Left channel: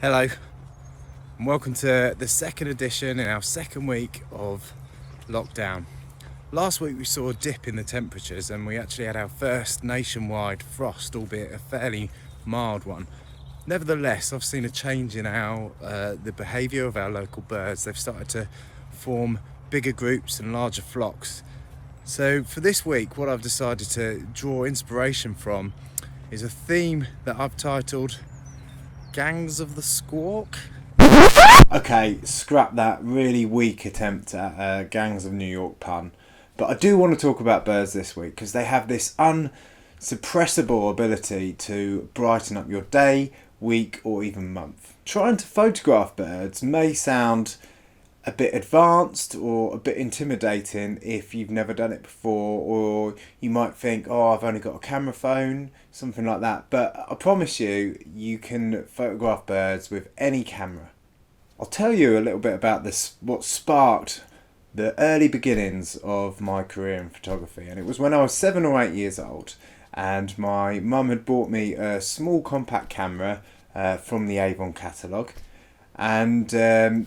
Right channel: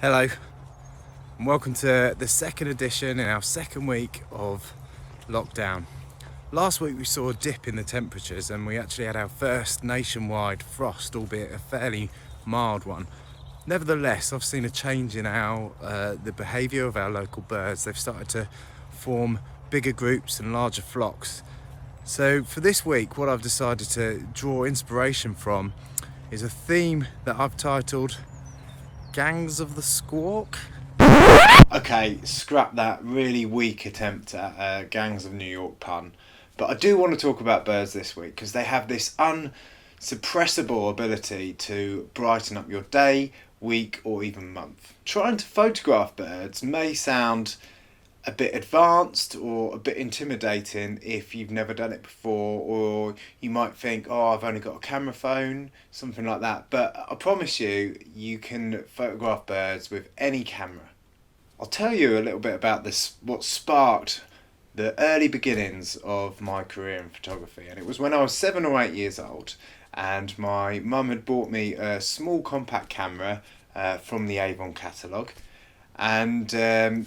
Hello and welcome to the second edition in our second week of lockdown. Last week we saw a dip in the temperatures and we actually had our first nationwide frost, albeit a fairly mild one. Nevertheless, I've seen a change in the behaviour of our local birds. They've started to form bigger groups and larger flocks. So for this week, what I've decided to draw inspiration from is a theme that I've titled Gangs of the Squawk. Okay, scrap that really weak attempt at a Gangs of New York pun. But I do want to talk about birds this week because they have this unsuppressible ability to brighten up your day, week, or even month. Trying to photograph birds may sound a bit advanced or a bit intimidating if you've never done it before, or you might think, oh, I've only got a camera phone, something like that. But I promise you, you can photograph birds with any camera. I'll tell you a little bit about this, what sparked the early beginnings of my career in photography. And it was when I was 7 or 8 years old, and my mum had bought me a small compact camera from the Avon catalogue, and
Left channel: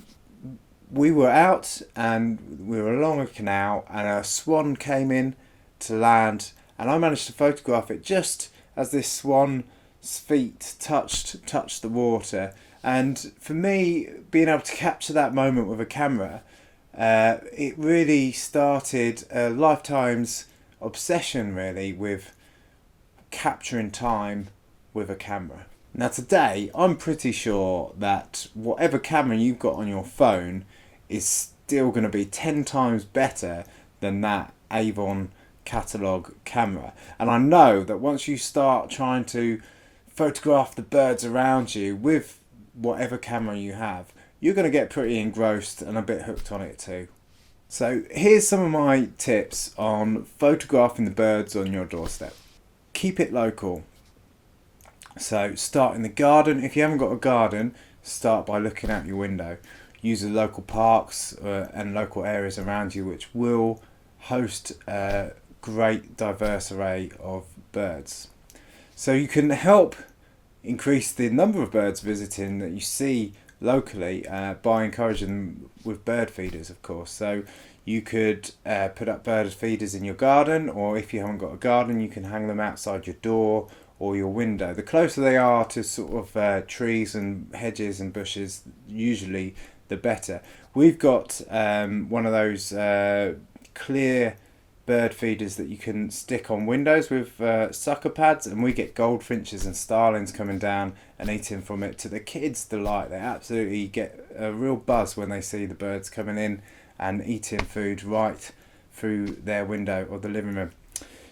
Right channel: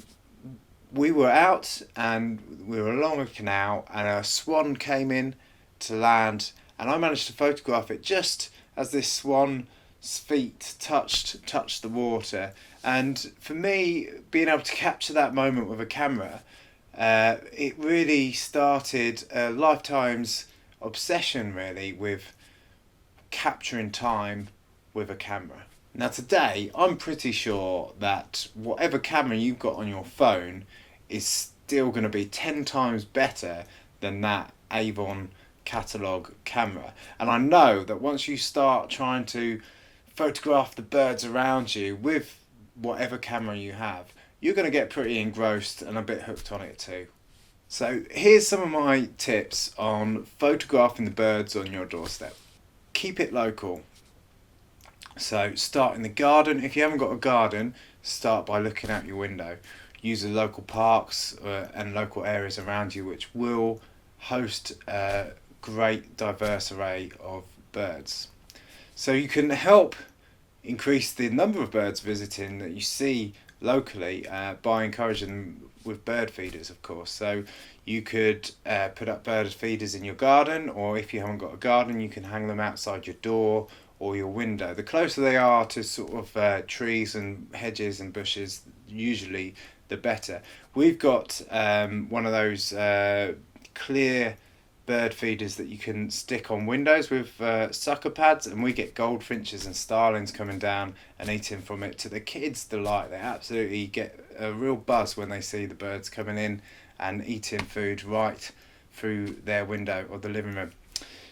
we were out and we were along a canal and a swan came in to land, and I managed to photograph it just as this swan's feet touched the water. And for me, being able to capture that moment with a camera, it really started a lifetime's obsession really with capturing time with a camera. Now today, I'm pretty sure that whatever camera you've got on your phone is still going to be 10 times better than that Avon catalogue camera. And I know that once you start trying to photograph the birds around you with whatever camera you have, you're going to get pretty engrossed and a bit hooked on it too. So here's some of my tips on photographing the birds on your doorstep. Keep it local. So start in the garden. If you haven't got a garden, start by looking out your window. Use the local parks and local areas around you, which will host a great diverse array of birds. So you can help increase the number of birds visiting that you see locally by encouraging them with bird feeders, of course. So you could put up bird feeders in your garden, or if you haven't got a garden, you can hang them outside your door or your window. The closer they are to sort of trees and hedges and bushes, usually the better. We've got one of those clear bird feeders that you can stick on windows with sucker pads, and we get goldfinches and starlings coming down and eating from it to the kids' delight. They absolutely get a real buzz when they see the birds coming in and eating food right through their window or the living room.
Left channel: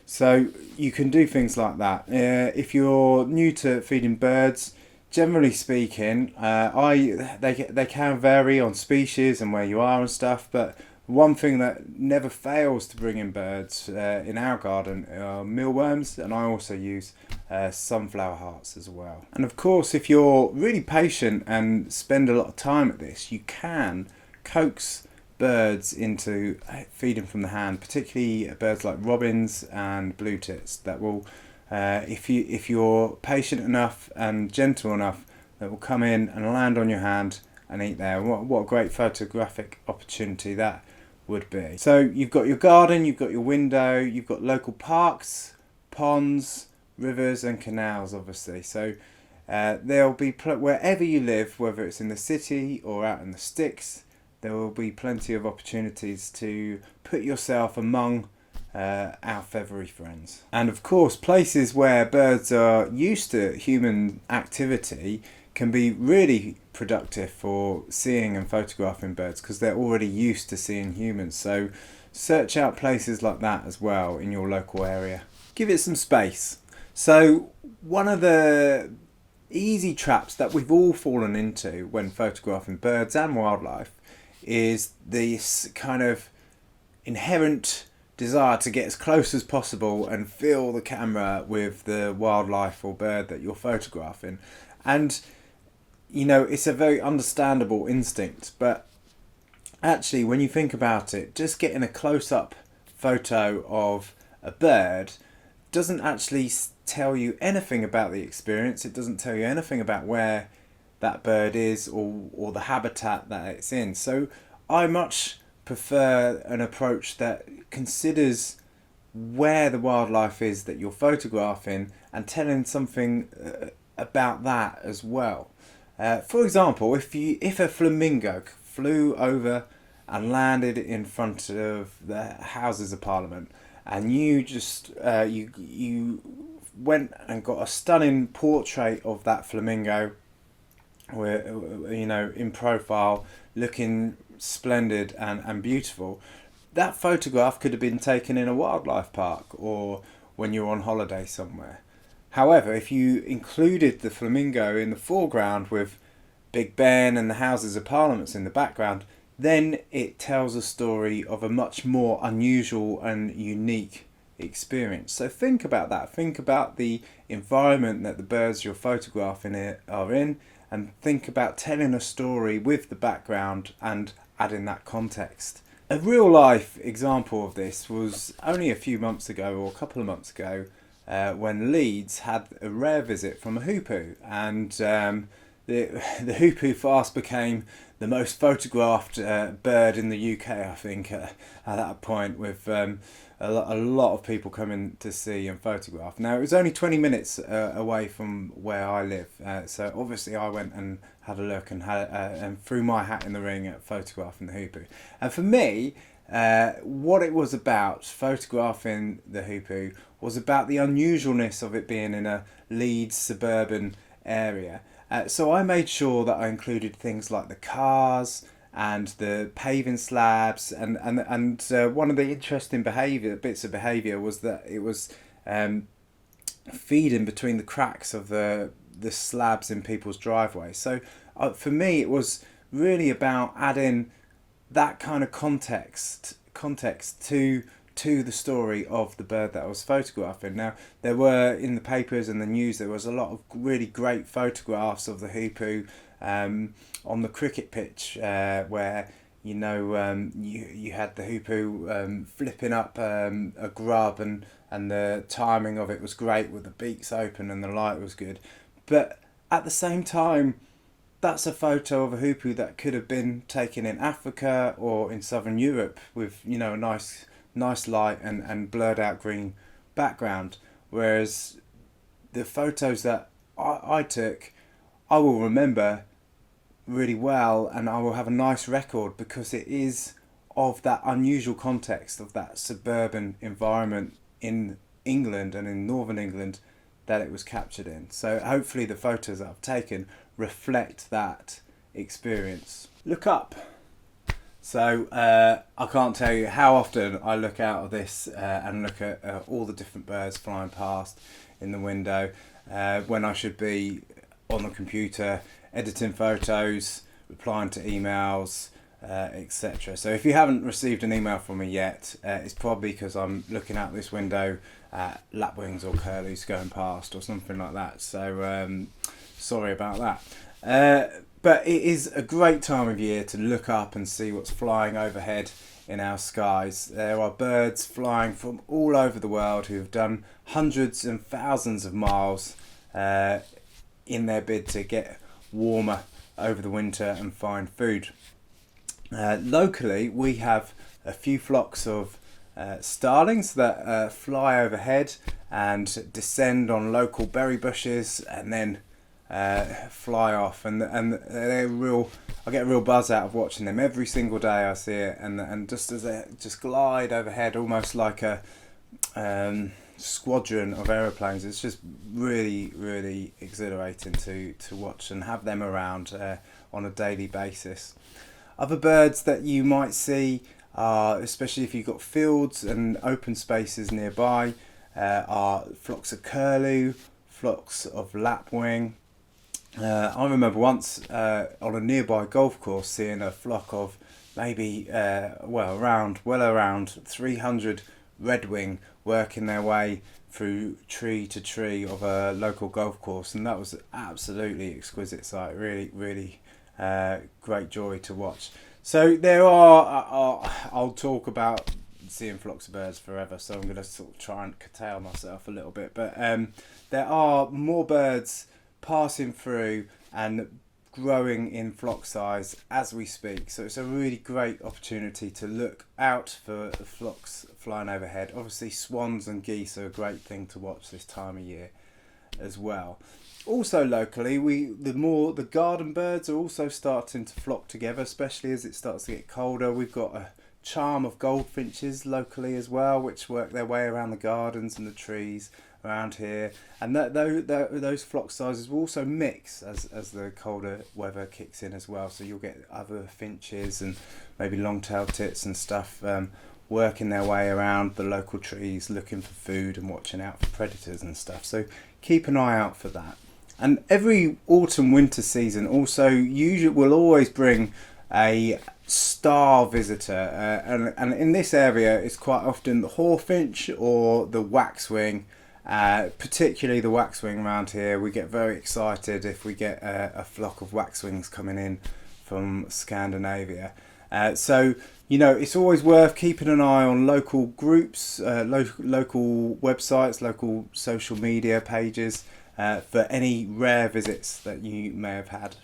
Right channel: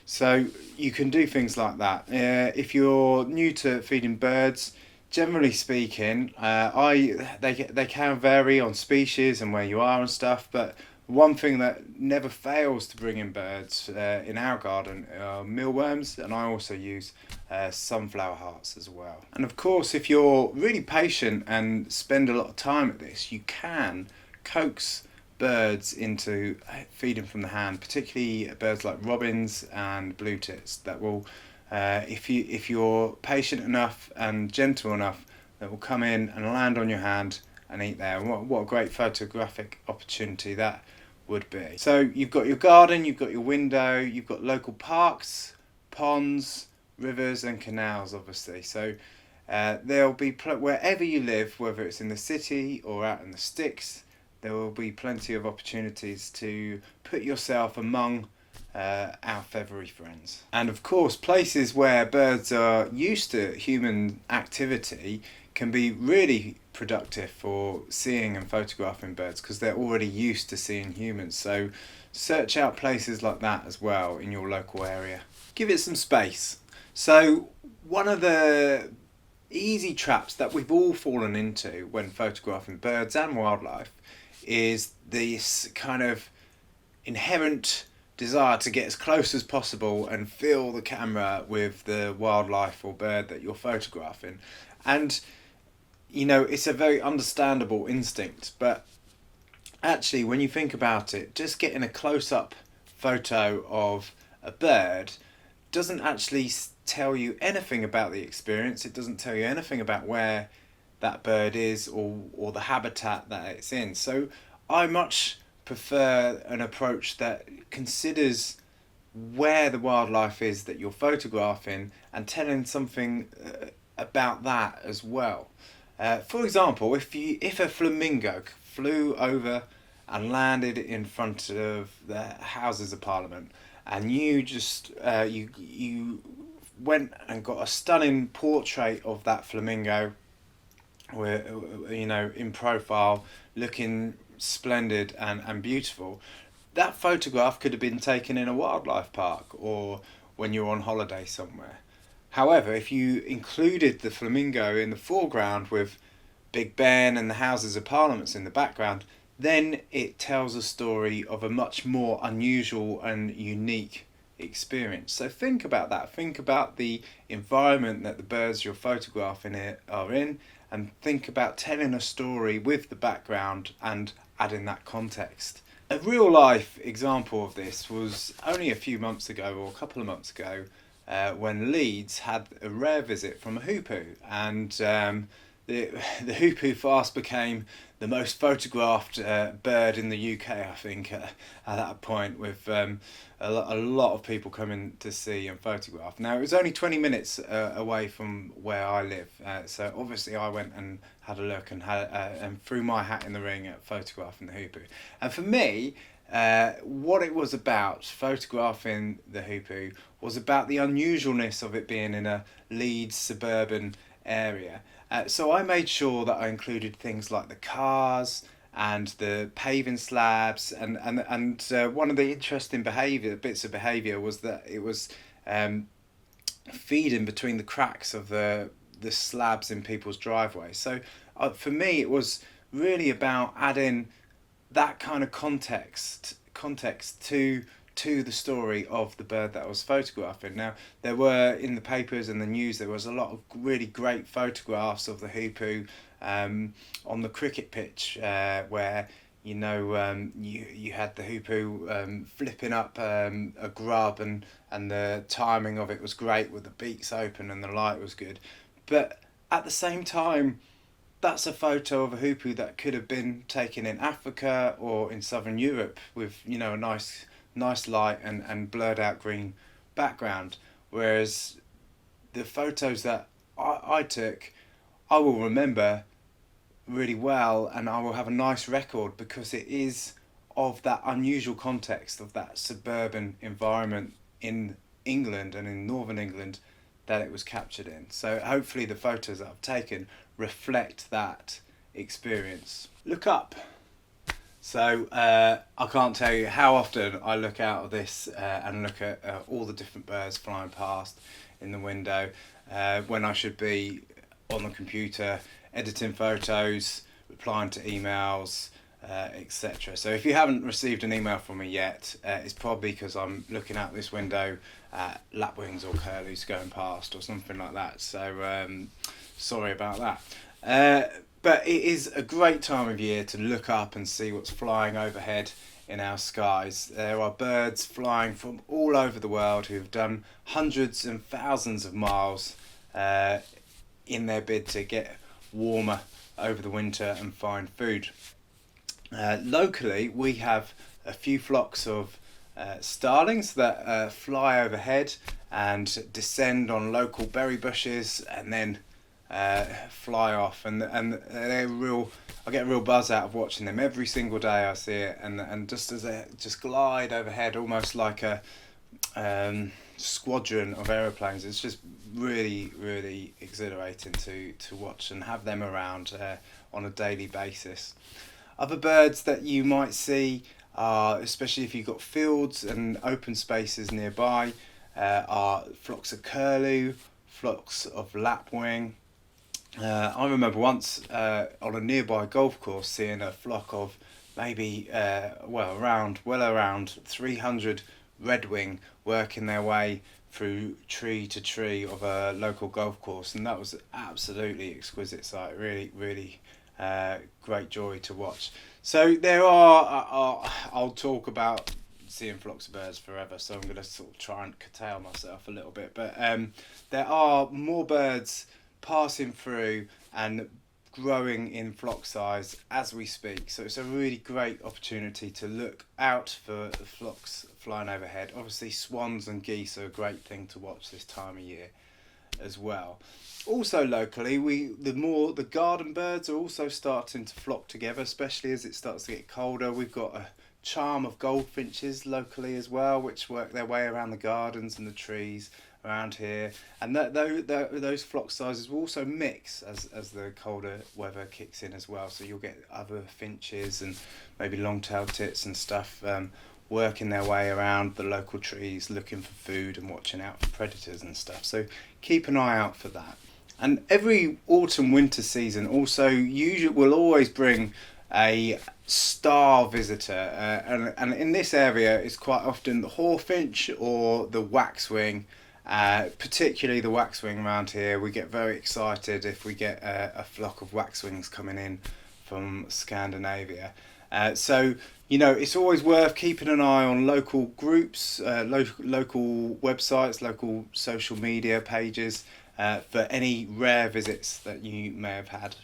So you can do things like that. If you're new to feeding birds, generally speaking, they can vary on species and where you are and stuff, but one thing that never fails to bring in birds in our garden are mealworms, and I also use sunflower hearts as well. And of course, if you're really patient and spend a lot of time at this, you can coax birds into feeding from the hand, particularly birds like robins and blue tits that will, if you're patient enough and gentle enough, that will come in and land on your hand and eat there. What a great photographic opportunity that would be. So you've got your garden, you've got your window, you've got local parks, ponds, rivers and canals, obviously. So there'll be wherever you live, whether it's in the city or out in the sticks, there will be plenty of opportunities to put yourself among our feathery friends. And of course, places where birds are used to human activity can be really productive for seeing and photographing birds because they're already used to seeing humans. So search out places like that as well in your local area. Give it some space. So one of the easy traps that we've all fallen into when photographing birds and wildlife is this kind of inherent desire to get as close as possible and fill the camera with the wildlife or bird that you're photographing. And you know, it's a very understandable instinct, but actually when you think about it, just getting a close-up photo of a bird doesn't actually tell you anything about the experience. It doesn't tell you anything about where that bird is, or the habitat that it's in. So I much prefer an approach that considers where the wildlife is that you're photographing and telling something about that as well. For example, if a flamingo flew over and landed in front of the Houses of Parliament, and you just you went and got a stunning portrait of that flamingo, where in profile, looking splendid and beautiful, that photograph could have been taken in a wildlife park or when you're on holiday somewhere. However, if you included the flamingo in the foreground with Big Ben and the Houses of Parliament in the background, then it tells a story of a much more unusual and unique experience. So think about that. Think about the environment that the birds you're photographing are in, and think about telling a story with the background and adding that context. A real life example of this was only a few months ago, or a couple of months ago, when Leeds had a rare visit from a hoopoe, and the hoopoe fast became the most photographed bird in the UK, I think, at that point, with a lot of people coming to see and photograph. Now, it was only 20 minutes away from where I live, so obviously I went and had a look and threw my hat in the ring at photographing the hoopoe. And for me, what it was about, photographing the hoopoe, was about the unusualness of it being in a Leeds suburban area. So I made sure that I included things like the cars and the paving slabs, and one of the interesting bits of behaviour was that it was feeding between the cracks of the slabs in people's driveways. So for me, it was really about adding that kind of context to the story of the bird that I was photographing. Now, there were, in the papers and the news, there was a lot of really great photographs of the hoopoe on the cricket pitch, where you had the hoopoe flipping up a grub, and the timing of it was great with the beaks open and the light was good. But at the same time, that's a photo of a hoopoe that could have been taken in Africa or in southern Europe with a nice light and blurred out green background. Whereas the photos that I took, I will remember really well, and I will have a nice record because it is of that unusual context of that suburban environment in England and in northern England that it was captured in. So hopefully the photos that I've taken reflect that experience. Look up. So I can't tell you how often I look out of this and look at all the different birds flying past in the window when I should be on the computer editing photos, replying to emails, etc. So if you haven't received an email from me yet, it's probably because I'm looking out this window at lapwings or curlews going past or something like that. So sorry about that. But it is a great time of year to look up and see what's flying overhead in our skies. There are birds flying from all over the world who have done hundreds and thousands of miles in their bid to get warmer over the winter and find food. Locally, we have a few flocks of starlings that fly overhead and descend on local berry bushes and then fly off, and they're real. I get a real buzz out of watching them every single day. I see it, and just as they just glide overhead, almost like a squadron of aeroplanes. It's just really exhilarating to watch and have them around on a daily basis. Other birds that you might see, especially if you've got fields and open spaces nearby, are flocks of curlew, flocks of lapwing. I remember once on a nearby golf course seeing a flock of maybe around 300 redwing working their way through tree to tree of a local golf course, and that was an absolutely exquisite sight. Really great joy to watch. So there are I'll talk about seeing flocks of birds forever, so I'm going to sort of try and curtail myself a little bit, but there are more birds passing through and growing in flock size as we speak. So it's a really great opportunity to look out for the flocks flying overhead. Obviously swans and geese are a great thing to watch this time of year as well. Also locally, the garden birds are also starting to flock together, especially as it starts to get colder. We've got a charm of goldfinches locally as well, which work their way around the gardens and the trees around here, and those flock sizes will also mix as the colder weather kicks in as well. So you'll get other finches and maybe long-tailed tits and stuff working their way around the local trees, looking for food and watching out for predators and stuff. So keep an eye out for that. And every autumn winter season also usually will always bring a star visitor, and in this area it's quite often the hawfinch or the waxwing. Particularly the waxwing around here. We get very excited if we get a flock of waxwings coming in from Scandinavia. So it's always worth keeping an eye on local groups, local websites, local social media pages for any rare visits that you may have had.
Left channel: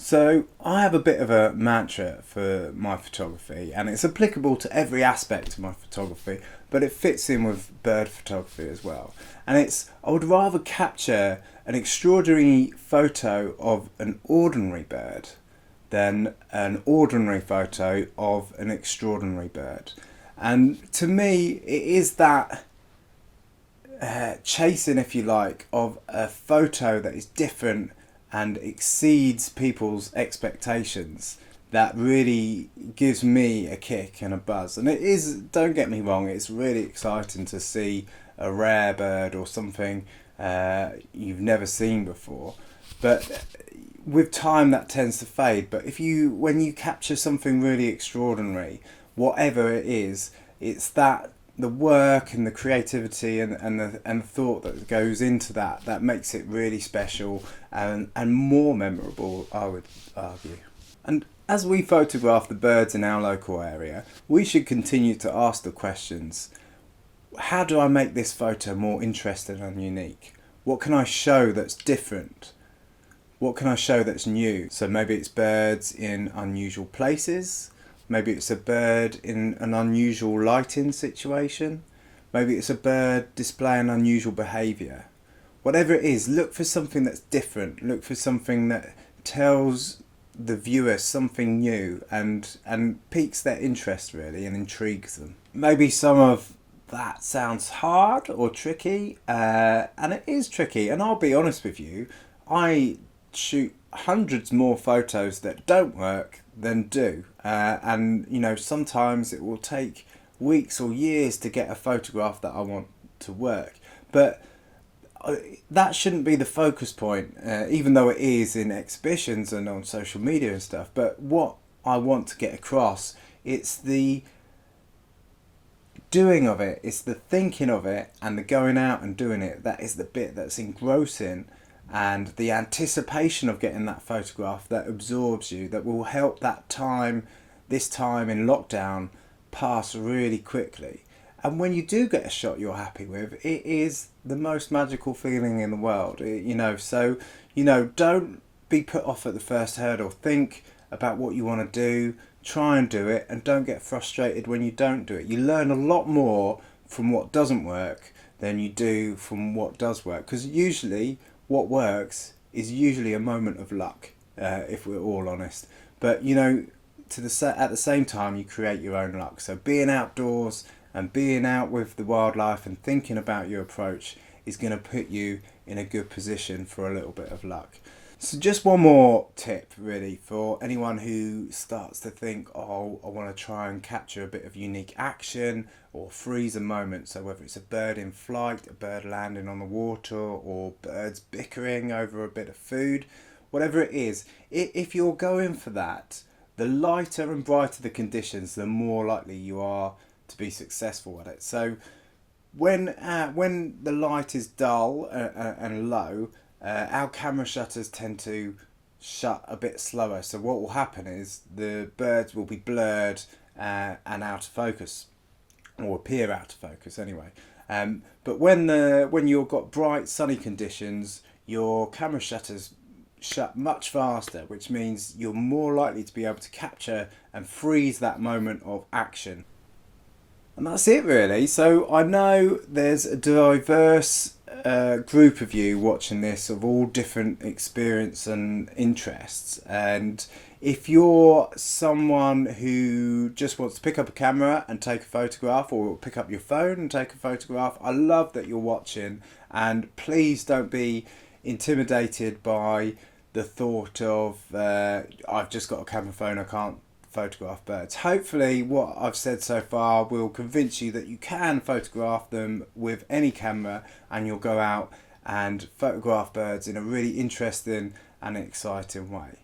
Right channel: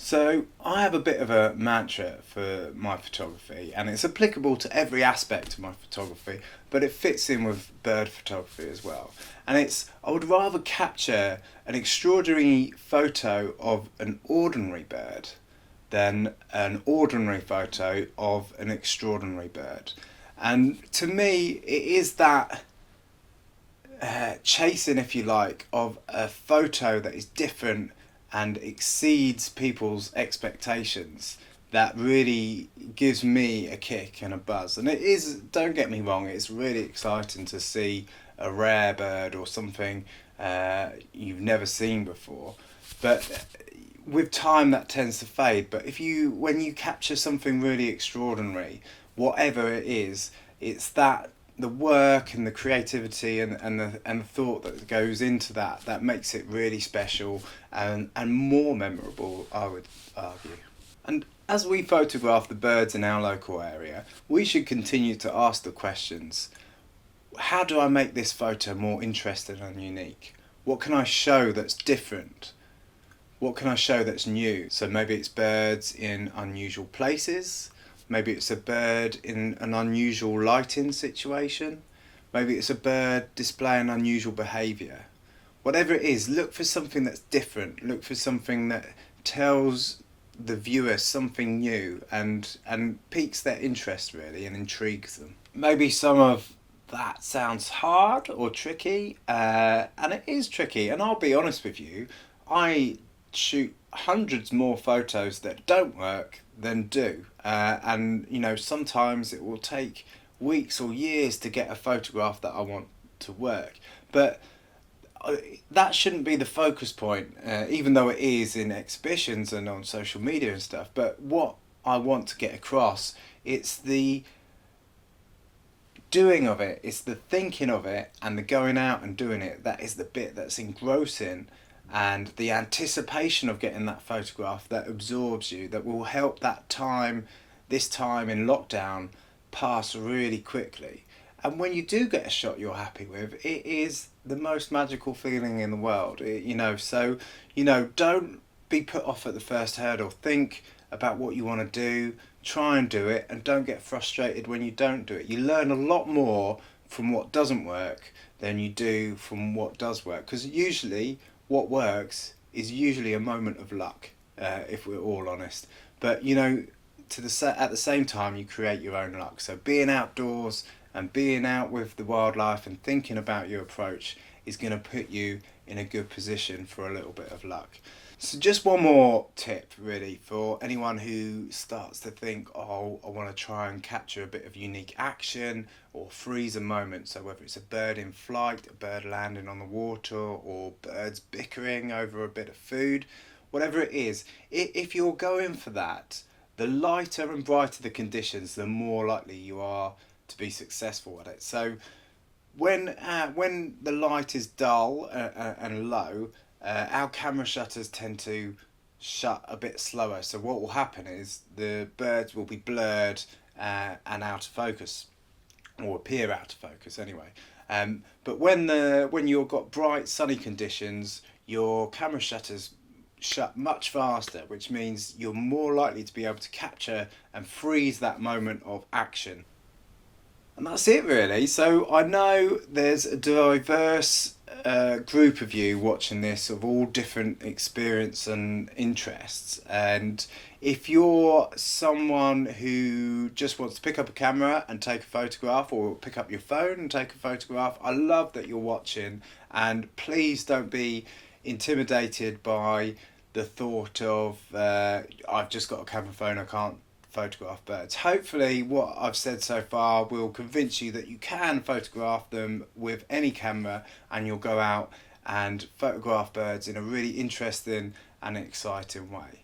So I have a bit of a mantra for my photography, and it's applicable to every aspect of my photography, but it fits in with bird photography as well. And I would rather capture an extraordinary photo of an ordinary bird than an ordinary photo of an extraordinary bird. And to me, it is that chasing, if you like, of a photo that is different and exceeds people's expectations that really gives me a kick and a buzz. And it is, don't get me wrong, it's really exciting to see a rare bird or something you've never seen before, but with time that tends to fade. But when you capture something really extraordinary, whatever it is, it's that the work and the creativity and the thought that goes into that makes it really special and more memorable, I would argue. And as we photograph the birds in our local area, we should continue to ask the questions: how do I make this photo more interesting and unique? What can I show that's different? What can I show that's new? So maybe it's birds in unusual places. Maybe it's a bird in an unusual lighting situation. Maybe it's a bird displaying unusual behaviour. Whatever it is, look for something that's different. Look for something that tells the viewer something new and piques their interest really and intrigues them. Maybe some of that sounds hard or tricky, and it is tricky. And I'll be honest with you, I shoot hundreds more photos that don't work than do, and sometimes it will take weeks or years to get a photograph that I want to work, but that shouldn't be the focus point, even though it is in exhibitions and on social media and stuff. But what I want to get across, it's the doing of it, it's the thinking of it and the going out and doing it. That is the bit that's engrossing, and the anticipation of getting that photograph that absorbs you, that will help this time in lockdown pass really quickly. And when you do get a shot you're happy with, it is the most magical feeling in the world. So don't be put off at the first hurdle. Think about what you want to do, try and do it, and don't get frustrated when you don't do it. You learn a lot more from what doesn't work than you do from what does work, because usually what works is usually a moment of luck, if we're all honest. But at the same time, you create your own luck. So being outdoors and being out with the wildlife and thinking about your approach is going to put you in a good position for a little bit of luck. So just one more tip really for anyone who starts to think, oh, I want to try and capture a bit of unique action or freeze a moment. So whether it's a bird in flight, a bird landing on the water, or birds bickering over a bit of food, whatever it is, if you're going for that, the lighter and brighter the conditions, the more likely you are to be successful at it. So when the light is dull and low, our camera shutters tend to shut a bit slower. So what will happen is the birds will be blurred and out of focus, or appear out of focus anyway. But when you've got bright sunny conditions, your camera shutters shut much faster, which means you're more likely to be able to capture and freeze that moment of action. And that's it really. So I know there's a diverse group of you watching this of all different experience and interests. And if you're someone who just wants to pick up a camera and take a photograph, or pick up your phone and take a photograph, I love that you're watching. And please don't be intimidated by the thought of I've just got a camera phone, I can't photograph birds. Hopefully what I've said so far will convince you that you can photograph them with any camera, and you'll go out and photograph birds in a really interesting and exciting way.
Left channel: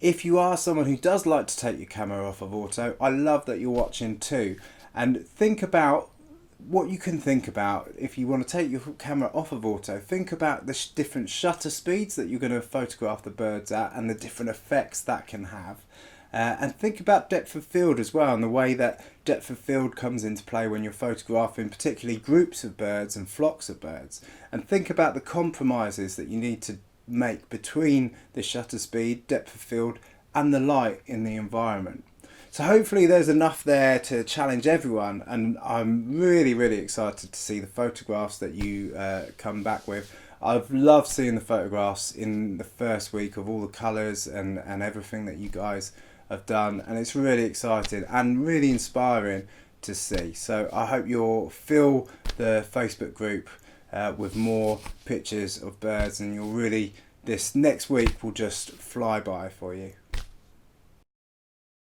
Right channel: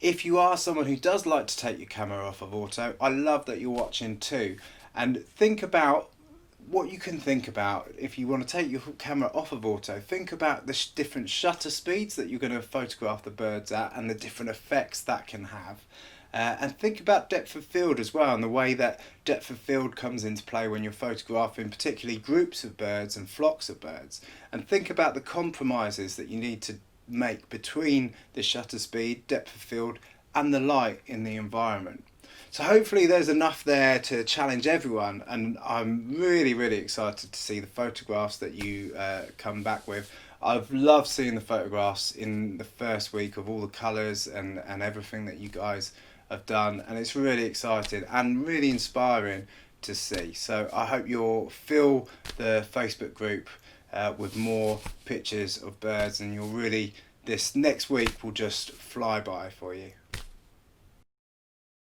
If you are someone who does like to take your camera off of auto, I love that you're watching too. And think about what you can think about if you want to take your camera off of auto. Think about the different shutter speeds that you're going to photograph the birds at, and the different effects that can have. And think about depth of field as well, and the way that depth of field comes into play when you're photographing particularly groups of birds and flocks of birds. And think about the compromises that you need to make between the shutter speed, depth of field, and the light in the environment. So hopefully there's enough there to challenge everyone, and I'm really, really excited to see the photographs that you come back with. I've loved seeing the photographs in the first week of all the colours and everything that you guys have done, and it's really exciting and really inspiring to see. So I hope you'll fill the Facebook group with more pictures of birds, and you'll really, this next week will just fly by for you.